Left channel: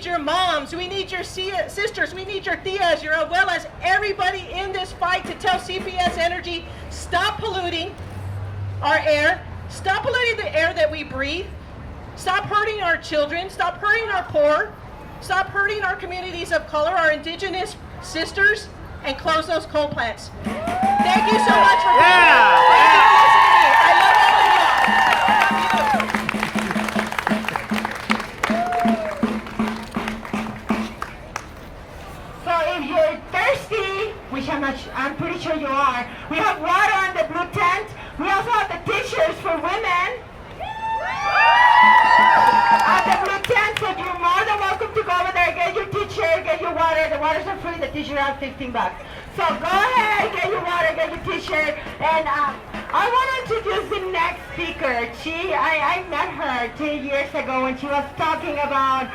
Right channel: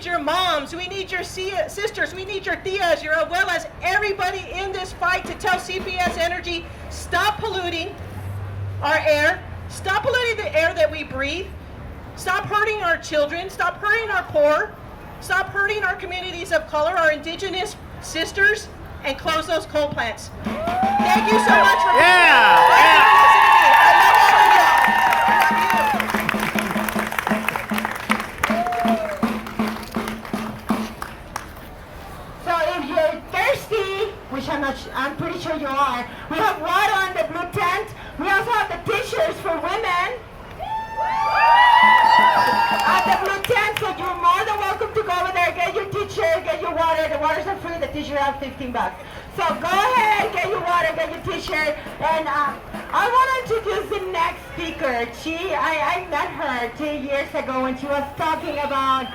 need your moms, we need your sisters, we need your tias, as well as everybody in this fight to tell CPS Energy, stop polluting our air, stop polluting the air that we breathe, stop hurting our children, stop hurting our poor, stop hurting our communities of color, our indigenous sisters, and close those coal plants. Thank you so much for listening to me. I love all of y'all. So if you're thirsty, which I'm pretty sure you are, we have water on the blue tent. We also have the t-shirts for women at the blue tent, so you're more than welcome to go over there, get your t-shirt, get your water. The waters are free, the t-shirt are $15. So go ahead, get your water, get your t-shirt, and I want to introduce the next speaker. I met her 2 years ago when she was talking about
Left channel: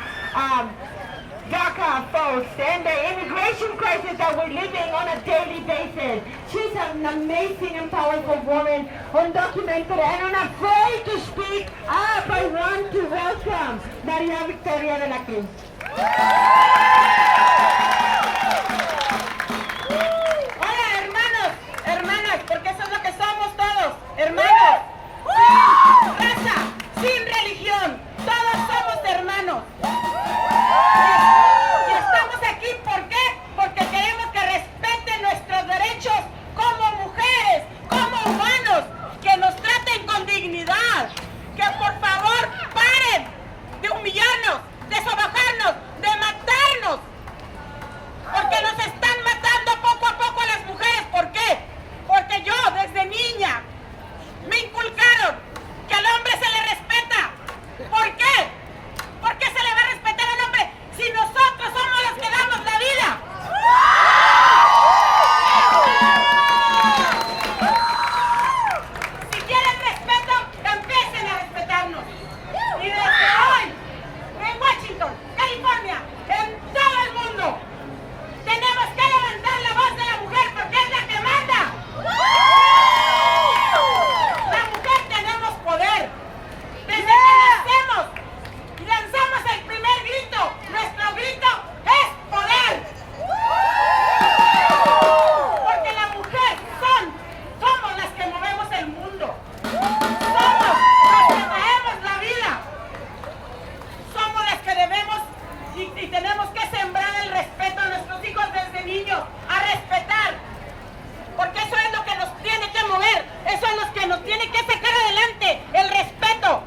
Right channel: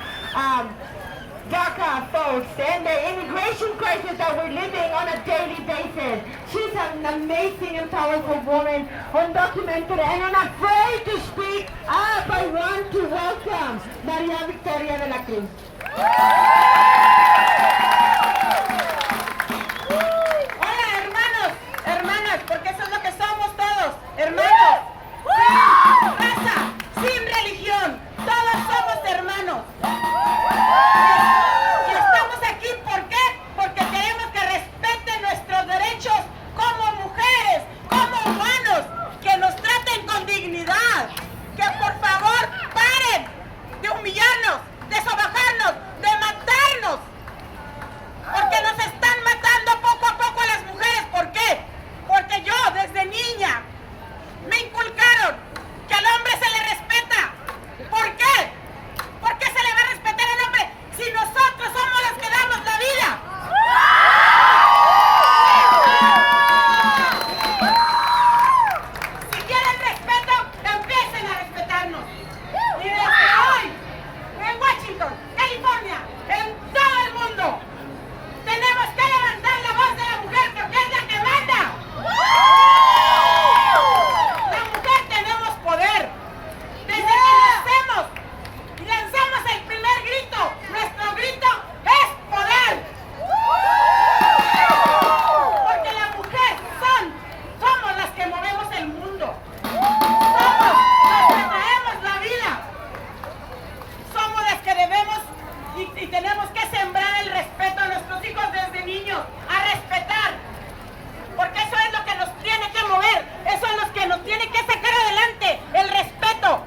DACA folks and the immigration crisis that we're living on a daily basis. She's an amazing and powerful woman, undocumented and unafraid to speak up. I want to welcome Maria Victoria de la Cruz. Hola hermanas, porque eso es lo que somos todos, hermanos, sin raza, sin religión, todos somos hermanos. Y estamos aquí, ¿por qué? Porque queremos que respeten nuestros derechos como mujeres, como humanos, que nos traten con dignidad, que por favor paren de humillarnos, de sobajarnos, de matarnos, porque nos están matando poco a poco a las mujeres. ¿Por qué? Porque yo desde niña me inculcaron que al hombre se le respeta. ¿Por qué? ¿Por qué se le va a respetar al hombre si nosotros somos los que damos la vida? Si quieren respeto, empiecen a respetarnos. Y desde hoy, en Washington, California, en todo el mundo, tenemos que levantar la voz de la mujer porque es la que manda. La mujer tenemos poder. Desde que nacemos y lanzamos el primer grito, nuestro grito es poder. Porque la mujer somos las que movemos el mundo. Somos las que traemos la vida. Somos las que debemos y tenemos que sembrar el respeto a nuestros hijos desde niños, a respetar. Porque eso es lo que nos tiene que mover, eso es lo que nos tiene que sacar adelante, el respeto.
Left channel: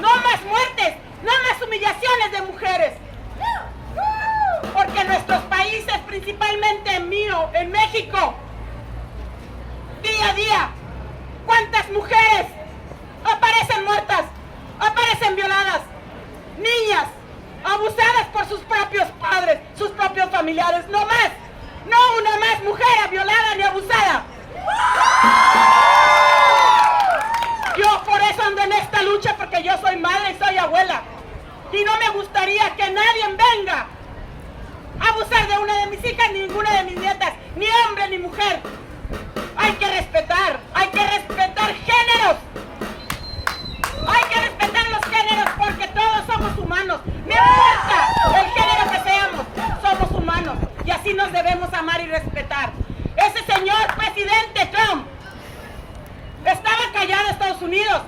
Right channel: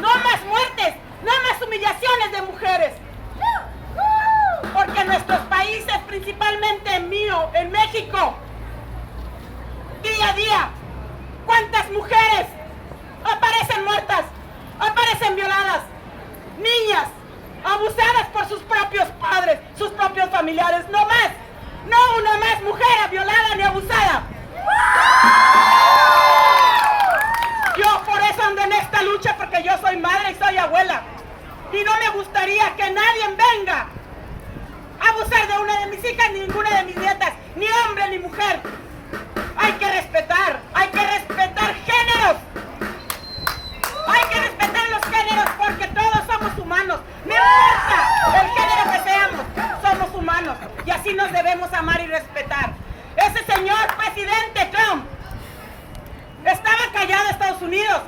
No más muertes, no más humillaciones de mujeres. Porque en nuestros países, principalmente en mío, en México, día a día, ¿cuántas mujeres aparecen muertas, aparecen violadas? Niñas abusadas por sus propios padres, sus propios familiares, no más. No una más mujer violada ni abusada. Yo por eso ando en esta lucha, porque yo soy madre y soy abuela. Y no me gustaría que nadie venga a abusar de una de mis hijas, ni ninguna de mis nietas, ni hombre ni mujer. Hay que respetar géneros. Hay que respetar los géneros porque todos somos humanos. No importa el género que seamos, somos humanos. Y así nos debemos amar y respetar. Ese señor presidente Trump estaba callado en Estados Unidos.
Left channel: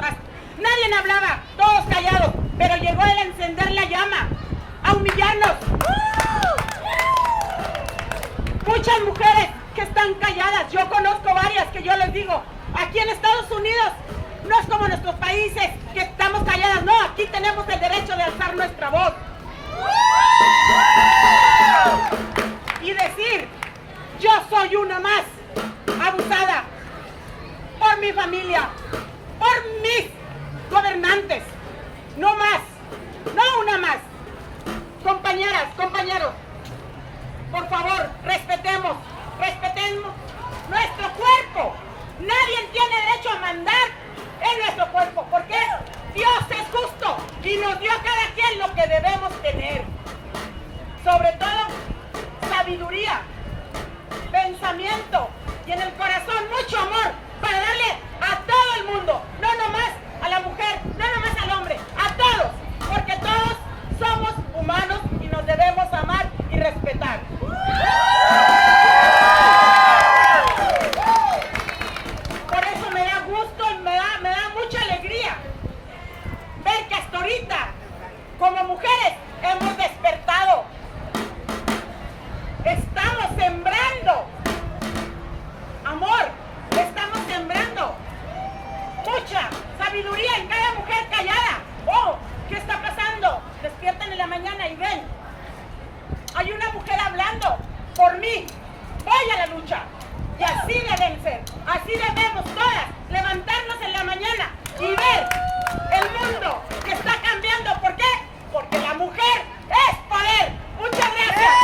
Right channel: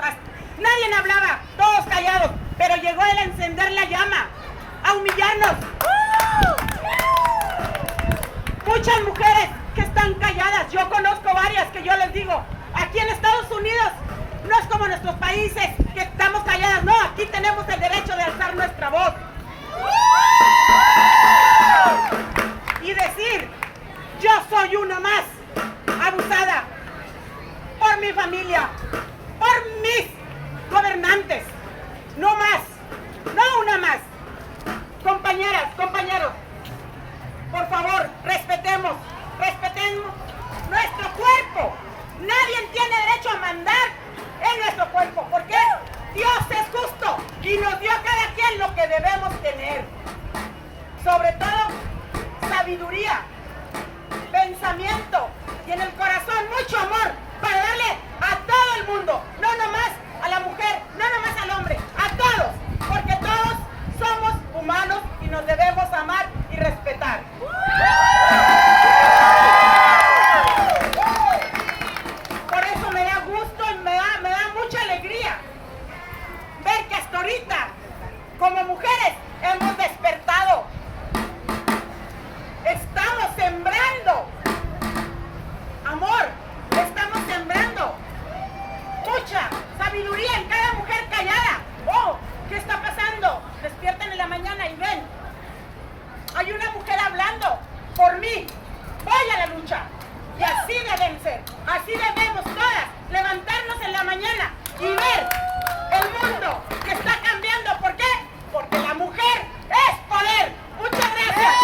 Nadie hablaba, todos callados. Pero llegó él a encender la llama, a humillarnos. Muchas mujeres que están calladas. Yo conozco varias que yo les digo, aquí en Estados Unidos no es como nuestros países que estamos calladas. No, aquí tenemos el derecho de alzar nuestra voz y decir, yo soy una más abusada por mi familia, por mis gobernantes. No más, no una más. Compañeras, compañeros, por favor, respetemos nuestro cuerpo. Nadie tiene derecho a mandar en nuestro cuerpo, porque Dios es justo y nos dio a cada quien lo que debemos tener. Sobre todo, sabiduría, pensamiento y en el corazón mucho amor para darle a todo el mundo, no nomás a la mujer, no nomás al hombre, a todos, porque todos somos humanos y nos nos debemos amar y respetar. Por eso me da gusto y me da mucha alegría ver que hasta ahorita, como mujeres, hemos despertado. Estamos sembrando amor, estamos sembrando mucha sabiduría en cada mujer callada. Oh, ¿qué está pasando? Despiertan en la mañana y ven, hay una mujer hablando por mí, voy a la lucha. Y así deben ser, así debemos todas levantarnos en la mañana y ver el mundo que está cambiando. ¿Por qué? Porque la mujer es poder. Muchas gracias.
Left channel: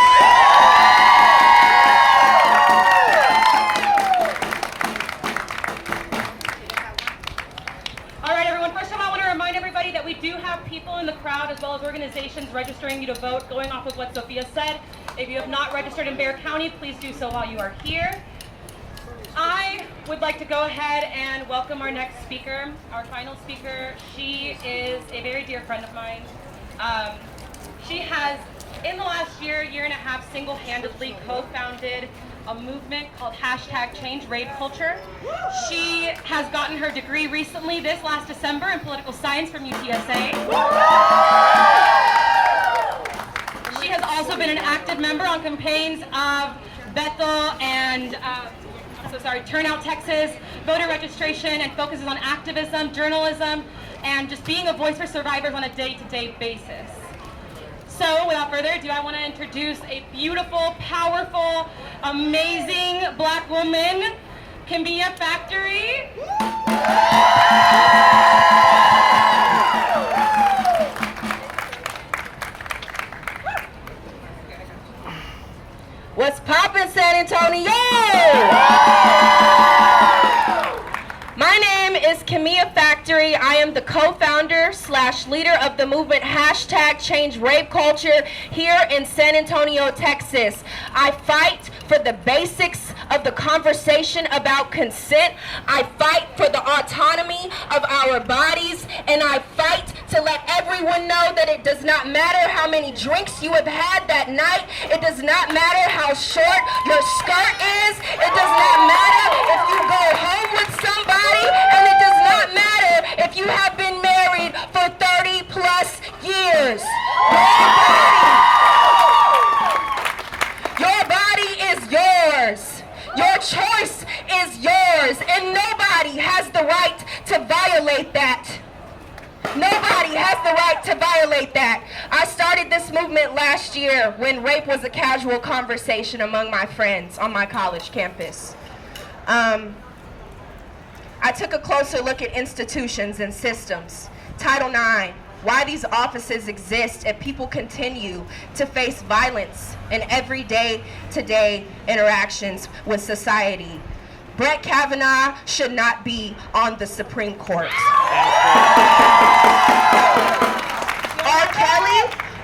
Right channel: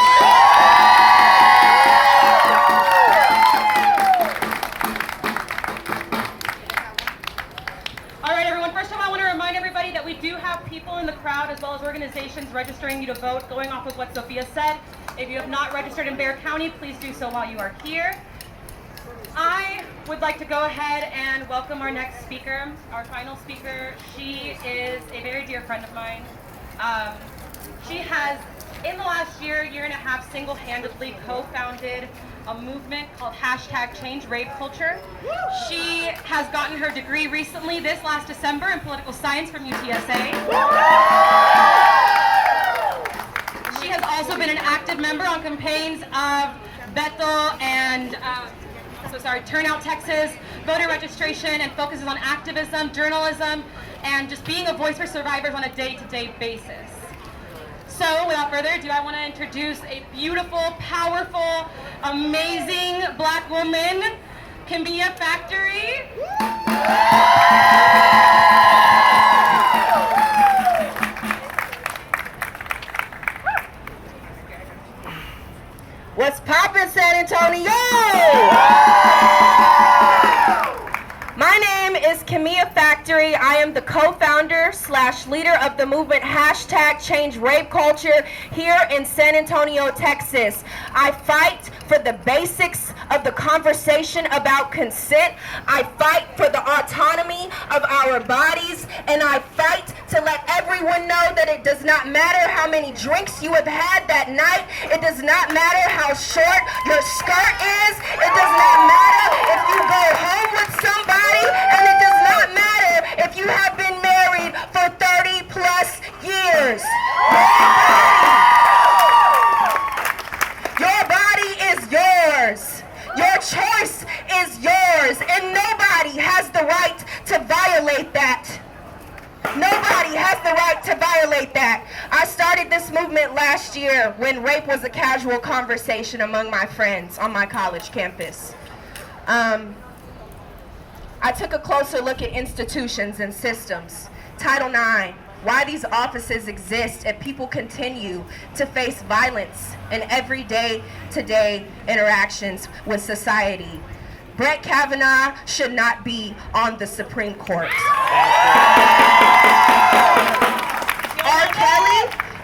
All right, everyone. First of all, I want to remind everybody that we do have people in the crowd as well as organizations registering you to vote, going off of what Sophia said. If you have not registered in Bexar County, please do so while you are here. I would like to go ahead and welcome our next speaker, our final speaker. She is a very dear friend of mine. She has, in the last year and a half, single-handedly co-founded a movement called #ChangeRapeCulture. She has gotten her degree recently, this last December, in political science from UTSA. She has also been an active member on campaigns of Bethel and Turnout Texas, voter registration, and focuses on activism, journalism, and just being a voice for survivors on a day-to-day basis. So, without further ado, I want to introduce a beautiful, powerful, amazing Black woman, Camilla Factory. What's poppin', San Antonio? My name is Camilla Factory. I am the co-founder / leader of the movement #ChangeRapeCulture here in San Antonio, Texas. I fight for the basics of the conversation about consent. I fight for the autonomy of our bodies, and I fight to let everyone know that it does not matter how many drinks you have had that night. It does not matter how short your skirt is. It does not matter if you go home with somebody, and it does not matter if you have been married for 30 plus years. Your body is yours. Your choice is yours, and nobody has the right to violate that. Nobody has the right to violate that. I started this movement last year when rape was a casual conversation among my friends on my college campus. I took a closer look at institutions and systems. Title IX, why these offices exist and people continue to face violence in everyday to-day interactions with society. Brett Kavanaugh should not be on the Supreme Court.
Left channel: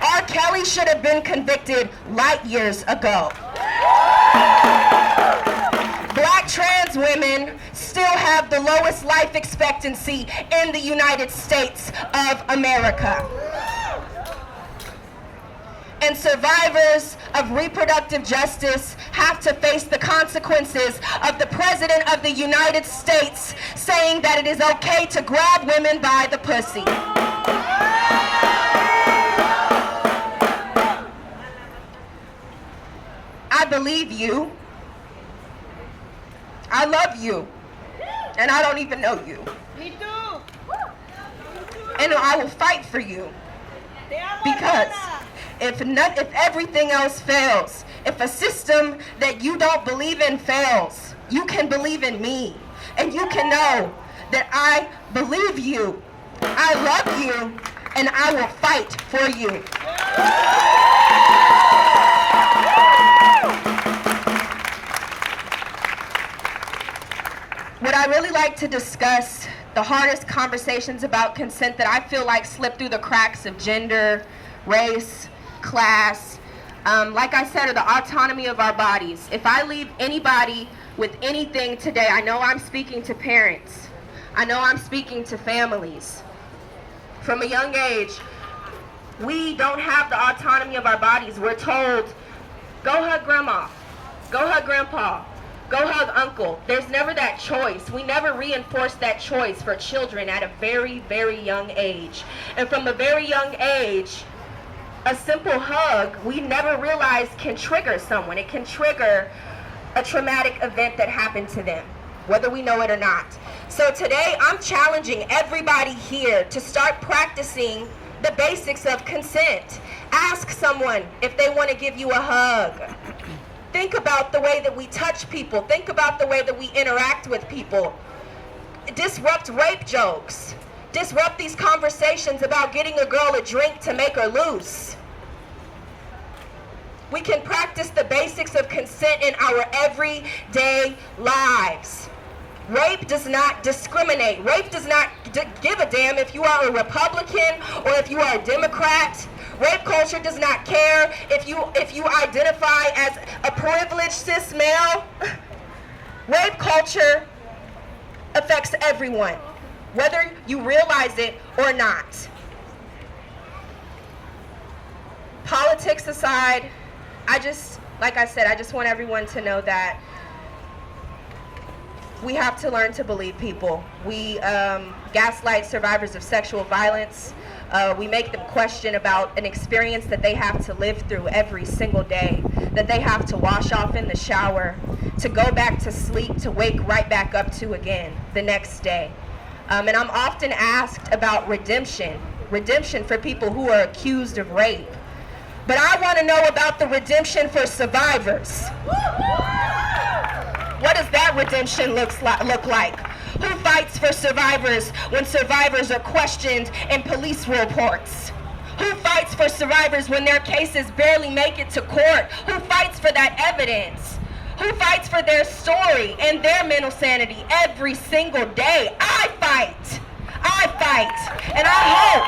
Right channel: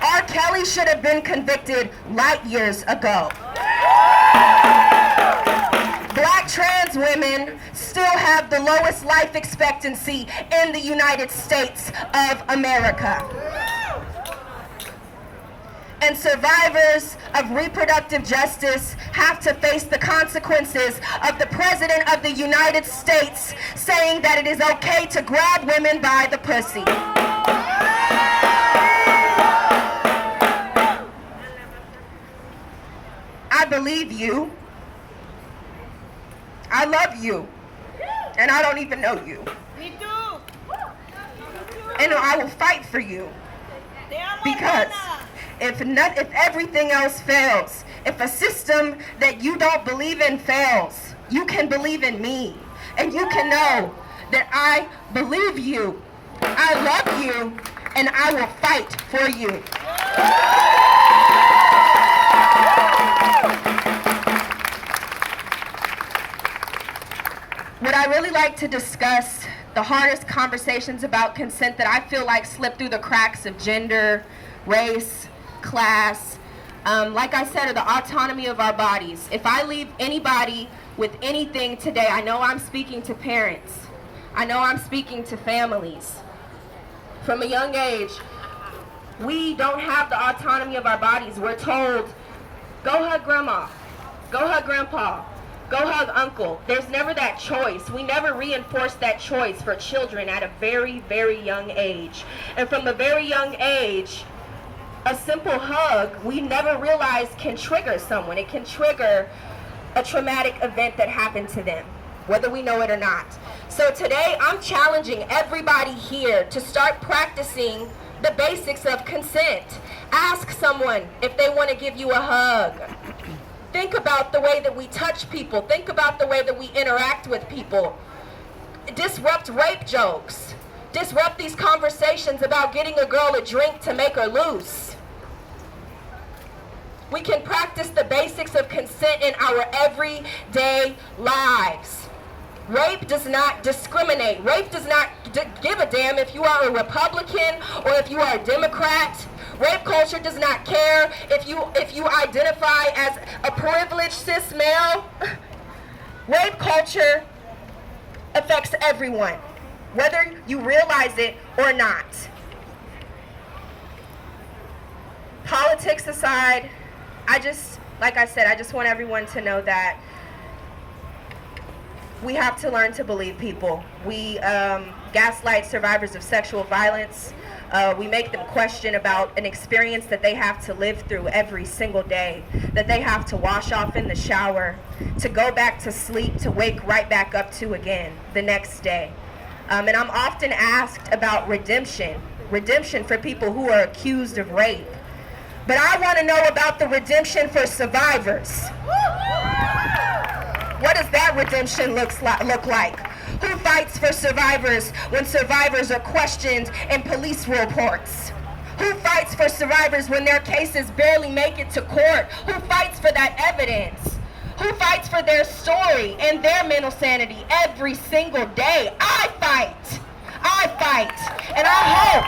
R. Kelly should have been convicted light years ago. Black trans women still have the lowest life expectancy in the United States of America. And survivors of reproductive justice have to face the consequences of the President of the United States saying that it is okay to grab women by the pussy. I believe you. I love you. And I don't even know you. Me too. And I will fight for you. Because if everything else fails, if a system that you don't believe in fails, you can believe in me. And you can know that I believe you, I love you, and I will fight for you. Would I really like to discuss the hardest conversations about consent that I feel like slip through the cracks of gender, race, class, like I said, or the autonomy of our bodies. If I leave anybody with anything today, I know I'm speaking to parents. I know I'm speaking to families. From a young age, We don't have the autonomy of our bodies. We're told, go hug grandma, go hug grandpa, go hug uncle. There's never that choice. We never reinforce that choice for children at a very, very young age. And from a very young age, a simple hug, we never realize can trigger someone. It can trigger a traumatic event that happened to them, whether we know it or not. So today, I'm challenging everybody here to start practicing the basics of consent. Ask someone if they want to give you a hug. Think about the way that we touch people. Think about the way that we interact with people. Disrupt rape jokes. Disrupt these conversations about getting a girl a drink to make her loose. We can practice the basics of consent in our everyday lives. Rape does not discriminate. Rape does not give a damn if you are a Republican or if you are a Democrat. Rape culture does not care if you identify as a privileged cis male. Rape culture affects everyone, whether you realize it or not. Politics aside, like I said, I just want everyone to know that we have to learn to believe people. We gaslight survivors of sexual violence. We make them question about an experience that they have to live through every single day, that they have to wash off in the shower, to go back to sleep, to wake right back up to again the next day. And I'm often asked about redemption for people who are accused of rape. But I want to know about the redemption for survivors. What does that redemption look like? Who fights for survivors when survivors are questioned in police reports? Who fights for survivors when their cases barely make it to court? Who fights for that evidence? Who fights for their story and their mental sanity every single day? I fight. And I hope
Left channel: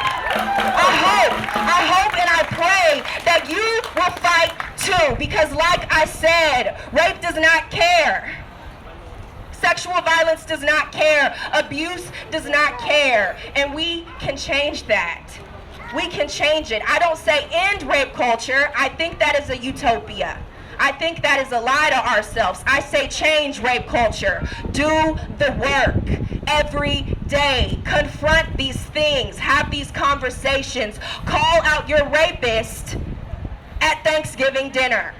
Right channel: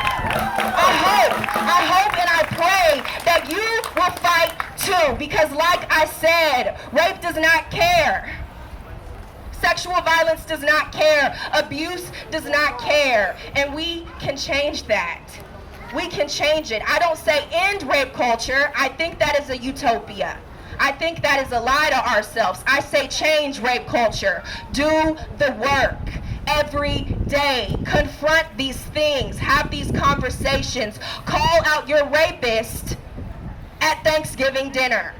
and I pray that you will fight too, because like I said, rape does not care. Sexual violence does not care. Abuse does not care. And we can change that. We can change it. I don't say end rape culture. I think that is a utopia. I think that is a lie to ourselves. I say change rape culture. Do the work every day. Confront these things. Have these conversations. Call out your rapist at Thanksgiving dinner.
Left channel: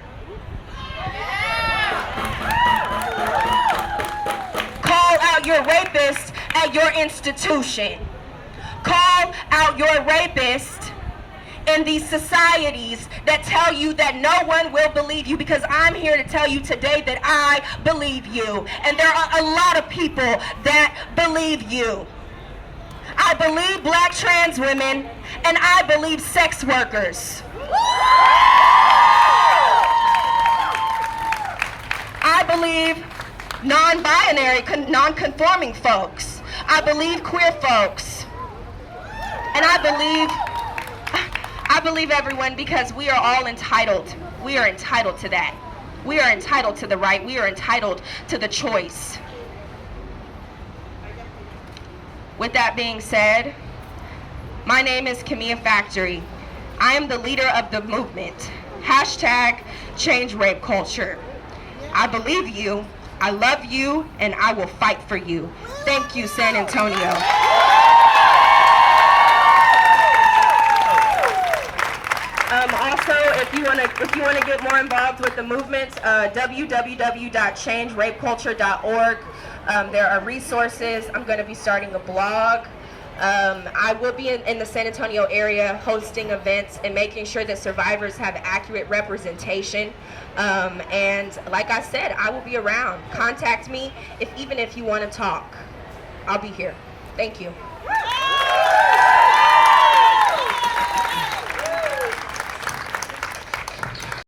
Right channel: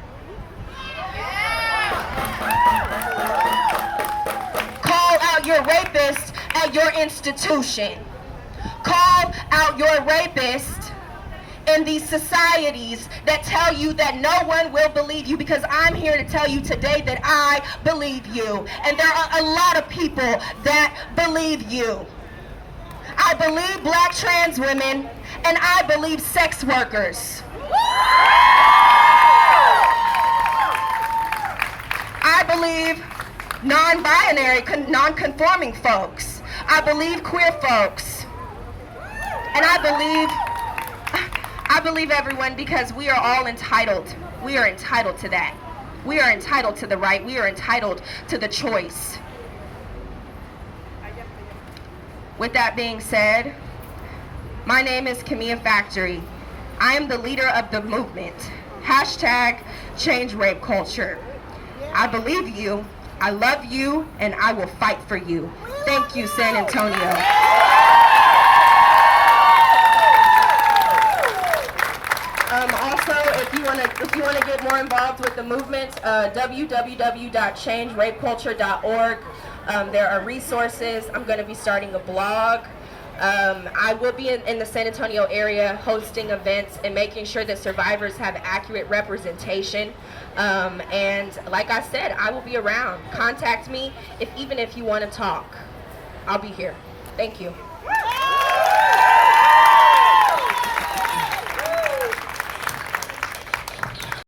Call out your rapist at your institution. Call out your rapist in these societies that tell you that no one will believe you, because I'm here to tell you today that I believe you. And there are a lot of people that believe you. I believe black trans women, and I believe sex workers. I believe non-binary, non-conforming folks. I believe queer folks. And I believe everyone, because we are all entitled. We are entitled to that. We are entitled to the right. We are entitled to the choice. With that being said, my name is Camilla Factory. I am the leader of the movement. #Change Rape Culture. I believe you, I love you, and I will fight for you. Thank you, San Antonio. Also, if you want to get more involved with the movement, www.changerapeculture.org. There are resources. I'm going to be starting a blog. I will be in the San Antonio area hosting events and making sure that survivors have accurate representation. And like I said, I will be around. Contact me even if you want to talk. I'll be here. Thank you.